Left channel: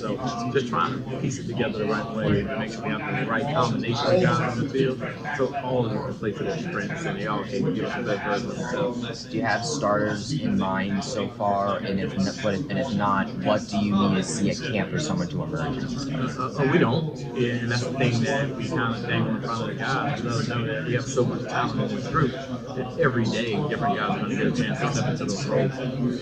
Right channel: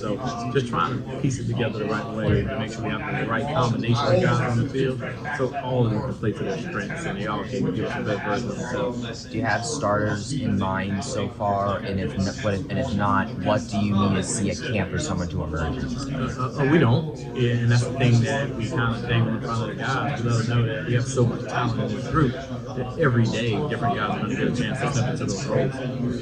So just trying to piece it together the right way and make sure we have the right combination of guys on the field, so all of them can play to their strengths and they all can give us the best version of themselves. Do you have starters in mind so far? And if not, what do you need to see at camp for someone to emerge? We don't, and that's the thing that we kind of dangle in front of the guys to let them know that we have so much talent in this group that every day different guys are going to get a chance to step into those roles.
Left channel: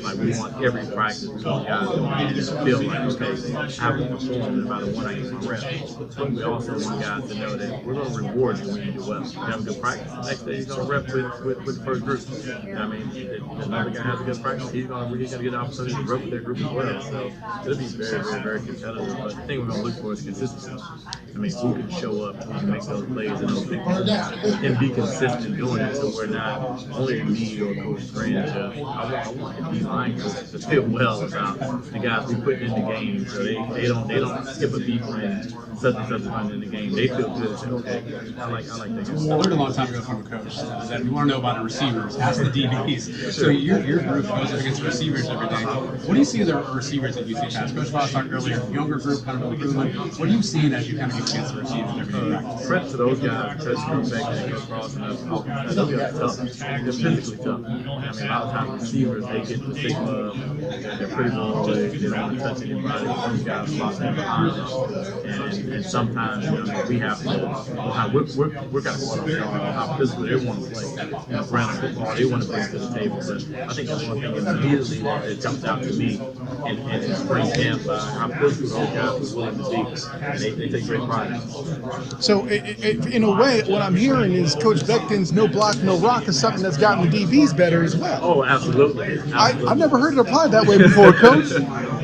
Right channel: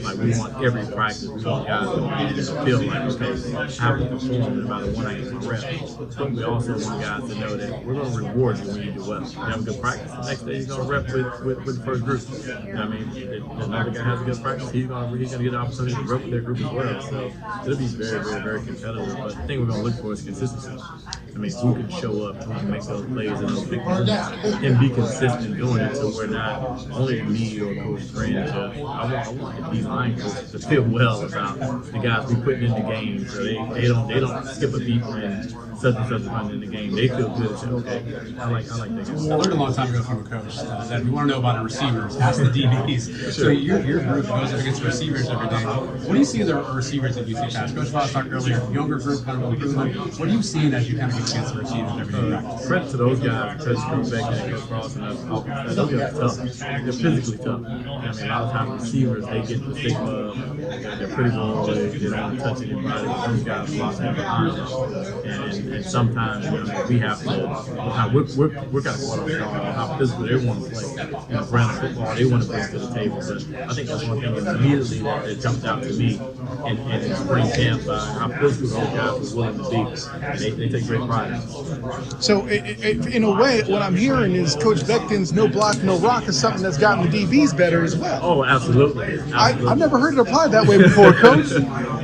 Like we want every practice, we want guys going in and feel like, okay, I have to perform no matter when I get the reps. But we also want guys to know that we're going to reward you when you do well. You have a good practice, the next day you're going to rep with the first group. You know what I mean? If another guy has a good practice, he's going to get an opportunity to rep with their group as well. So it'll be very, very, very competitive. But the thing we're going to look for is consistency. I mean, who can show up, who can make those plays in those big moments, and be consistent doing it, so we're not only me or Coach Gray and Jeff. I want these line coaches to feel well about the guys we put in the game, so they don't skip a beat when such and such run in the game. They feel good and say, okay, I like that guy. I learned a long time ago from a coach that we want to know about the receivers, ask the DBs. Sure. So your group goes up against the receivers every day. What do you see in the receivers that you see pass? Coach Voss talked earlier, younger group, kind of improvement. What are you seeing as you kind of get against the receivers every day? Credit to those guys, Coach Beck and Coach Ross and us, they're tough. They're physically tough. I mean, a lot of times receivers, they get the stigma of they're pretty long legs, they don't want to touch anybody, but those guys lost their behind them. And sometimes, you know, we have to, we're kind of going up there on how physical they want to play. You know, brand of football, they want to bring to the table. But I think that's one thing immediately that jumped out to me in spring camp, how physical those guys were willing to be. And they take great pride in it. So, in a way, what I'm hearing is Coach Beckton's no block, no rock is something that's gotten the DBs better as well. Oh, absolutely. I've never heard it applied that way before, Coach.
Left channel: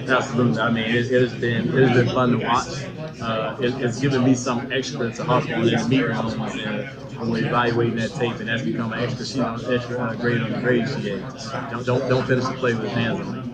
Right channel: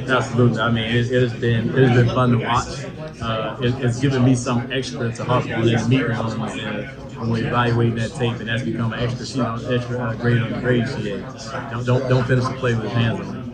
Absolutely. I mean, it has been fun to watch. It's given me some extra to hop on in meet rooms and when we're evaluating that tape, and that's become an extra sheet on extra grade on the grade sheet. Don't finish the play with his hands on it.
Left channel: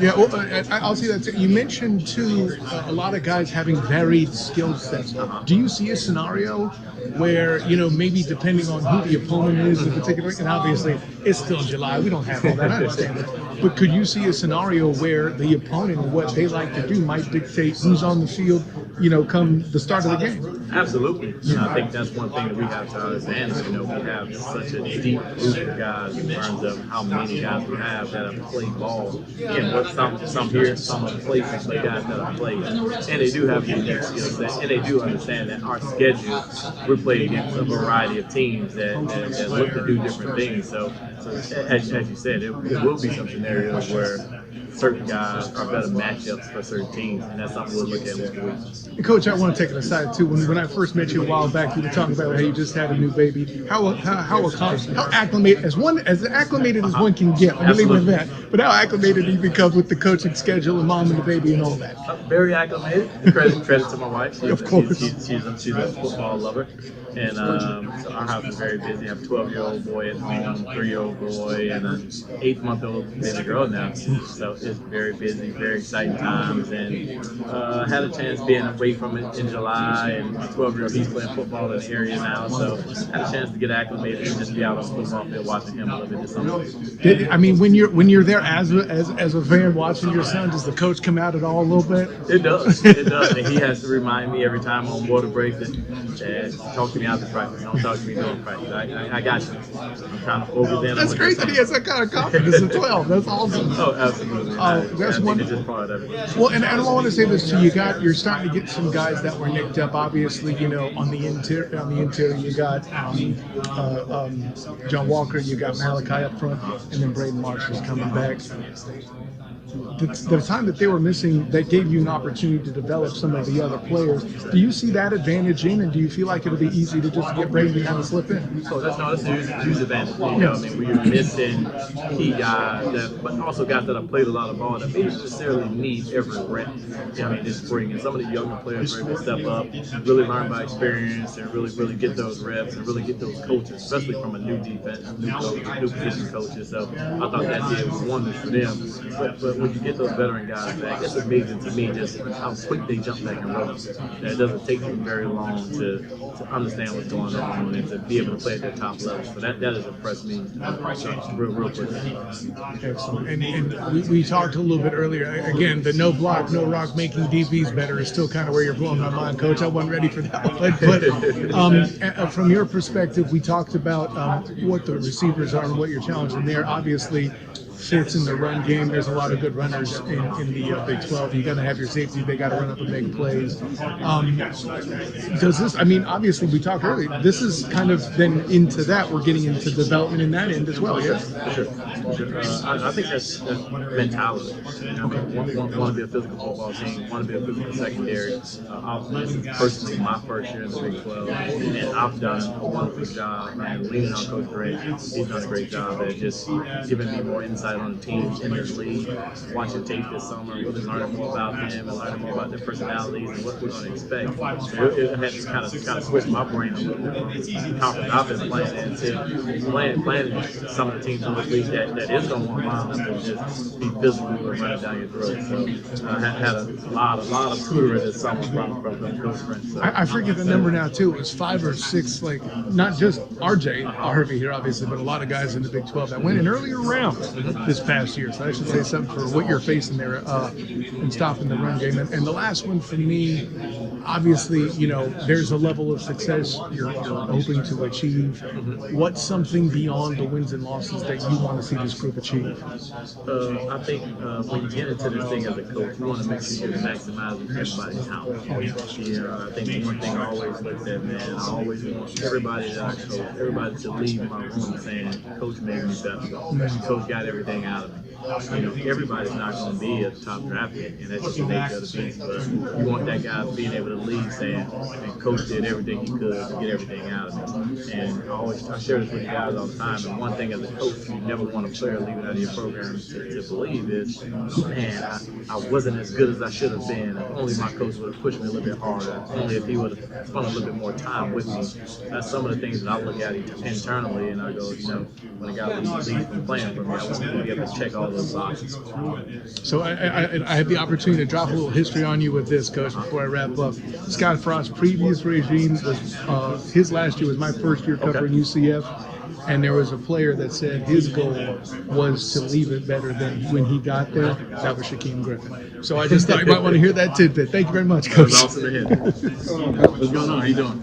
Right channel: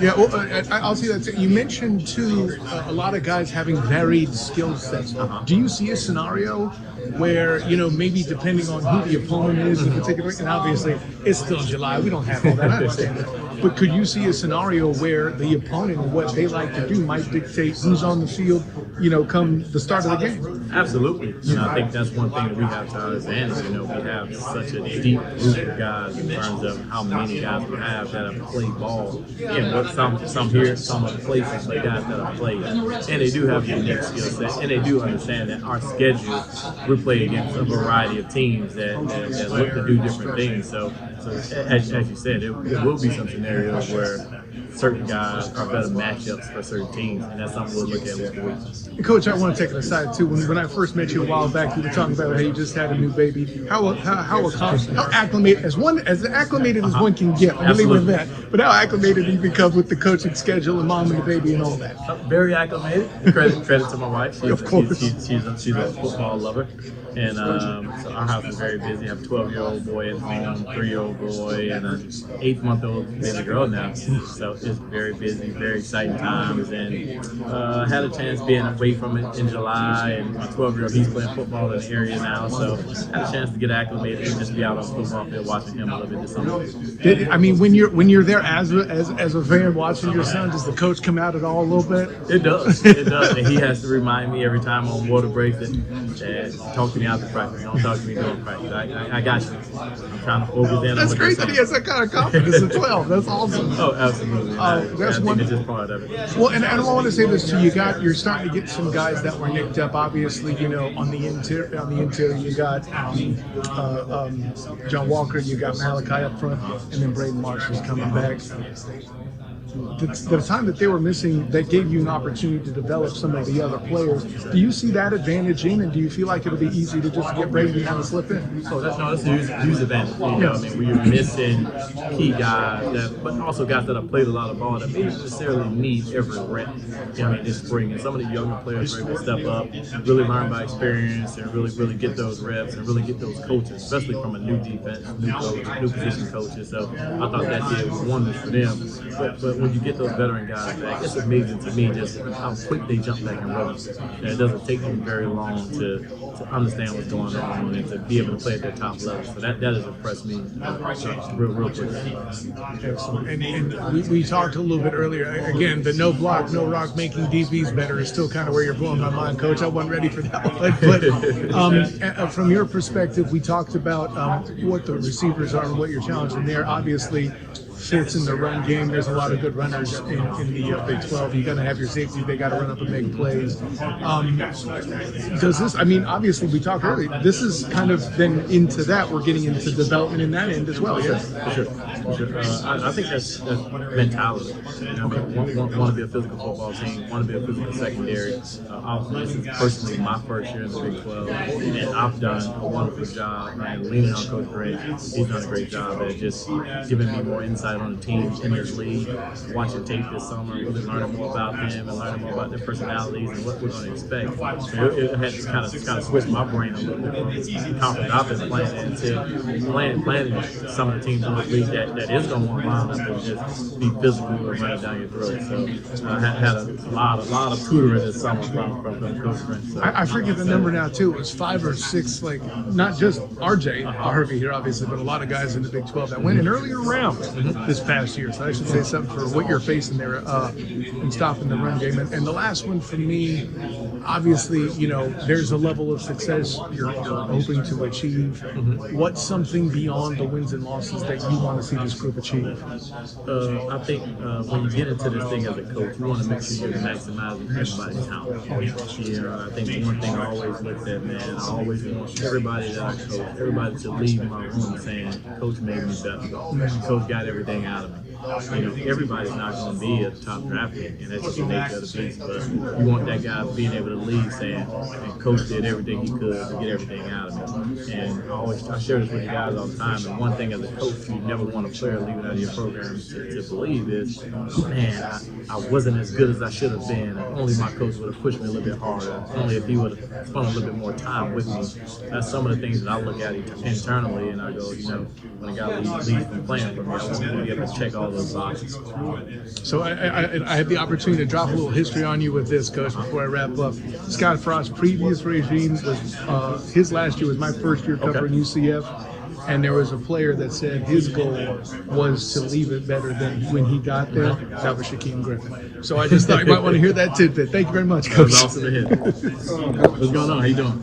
Yeah, well, I'll see that. You mentioned too a lot of guys having varied skill sets. Do you see a scenario where, you know, maybe depending on who the opponent is in particular, and obviously it's still July, we don't have all that, I understand that. But could you see a scenario where the opponent and what they like to do might dictate who's on the field, you know, come the start of the game? Absolutely. You know, I think that's one thing that we have to our advantage. You know, we have such a deep group of guys in terms of how many guys we have that have played ball. And what some here, some of the places, play guys that have played. And they do have a unique skill set. And they do understand that our schedule, we play against a variety of teams that look to do different things. So as you said, it will be some scenarios where certain guys are better matchups for certain teams, and that's something we'll look at week to week. Coach, I want to take it aside too. When I first met you a while back, you were talking about how you just had a new baby. How acclimated as acclimated as one can get. I believe in that. But how acclimated he becomes with the coaching schedule and mom and the baby and all that. Very acclimated. Credit to my wife. She's a football lover, and so our house is very busy. I have a 12-year-old boy at home, 3-year-old boy, and an 8-month-old baby girl now. So it's very busy, very exciting times, and I had a chance being away from it in July, and my 12-year-old, he's playing football in the area now, so I had a chance to get acclimated and just be out on the football field watching him a little bit this summer. I mean, when you're there as a fan watching your son, does the coach come out at all a little bit? It does, and he has to remind me every time on water break that talk to me after practice, don't talk to me during practice. I got you. I'm trying to focus in on That's what great you're that he saying. has that kind of confidence at 12. That's awesome. Oh, absolutely. I think it's just part of it. Well, and I want to say this too. You're starting to get some guys that were nicked up. Obviously, you know, on the interior, you got John Walker, you got Malachi up front, and then Braden Marshall's coming back. The time that they were missing, that gave you an opportunity to develop some of the other players. Do you see that advantage in, and do you feel like it'll be easy to just get Braden to kind of slip in? Oh, that's a huge advantage. You know, I mean, we are missing key guys, but also guys that have played a lot of ball that may not necessarily need every rep. You know, I mean, this spring, and some of the younger players were able to step up, really learn by experience, and really get those reps, and really get those coaches, especially from a new defense, new coach, new position coaches. So I thought that did wonders for them. But when you get those veteran guys back, it's amazing to me just how quick they jump back and roll. And it doesn't take them very long to understand what's going on and to be able to play at their top level. So that has impressed me real quick. And we talked a little bit earlier. Again, the no block, no rock, making DBs better is still kind of where you're blowing my mind, Coach. I wasn't ready for that one. But from your perspective, we talked about what the receivers are and what your challenge in there. Obviously, fits in the run game. There's a lot of good runners in the Big 12. You're going to have your safeties. They got to run up and make plays. Does this, I mean, obviously we talked earlier, this is kind of then into that. We're getting into development in that end as well. Yeah. For sure. I think that's mentality. You know, I mean, want to be a physical football team, want to be a physical secondary. This is personally my first year in the Big 12, and I've done a wonderful job, man, leaning on Coach Gray. He's done a great job at just giving me more insight on the team in this league, watching tape this summer, really learning more about them and learning more about their personalities and what we're going to expect. It had to kind of switch my brain a little bit from the conference I've been playing in to playing some of the teams in the league that is going to want line up and just be physical and run it down your throat. So I had a lot of tutoring this summer from Coach Gray. So, I forget the number now too. It was 5 or 6, like not just RJ Harvey here, obviously, but a lot of guys in the Big 12 that went in earlier rounds this past year. So I should say something for what you're facing there in stopping the run game. And the last one for me, obviously, you know, there's a level of success you're hoping to achieve. What's something beyond the wins and losses that you want to see this group achieve? I think when you get into this thing as a coach, you want to make sure you're maximizing everybody's talent. You know, I think one thing I always looked at, man, I always want everybody that I coach, everybody to leave my room saying, Coach made me better. Coach got everything out of me. You know, everybody's not going to be a top draft pick, and that's just the nature of the beast. But you want that guy being able to leave saying, and Coach did everything he could to get everything out of me. And I share this with you guys all the time. And one thing as a coach, you never want a player leaving out of your program to believe is, man, I wasn't as good as I should have been. If only my coach would have pushed me a little bit harder. Only if he would have spent a little bit more time with me. That's some of the things that I look at internally, and I go, you know, when a guy leaves from playing for me, I want to be able to check all those boxes. So I had the opportunity to drop a little history on you with this, Coach, before I wrap up. Scott Frost's previous regime was his last year was my first year covering UCF. And there was a player that said his goal was to leave it better than when he got there. That was Shaquem Griffin. So I just thought you might want to hear that tidbit. Thank you very much, Coach. That was awesome to hear. What's going on? How you doing?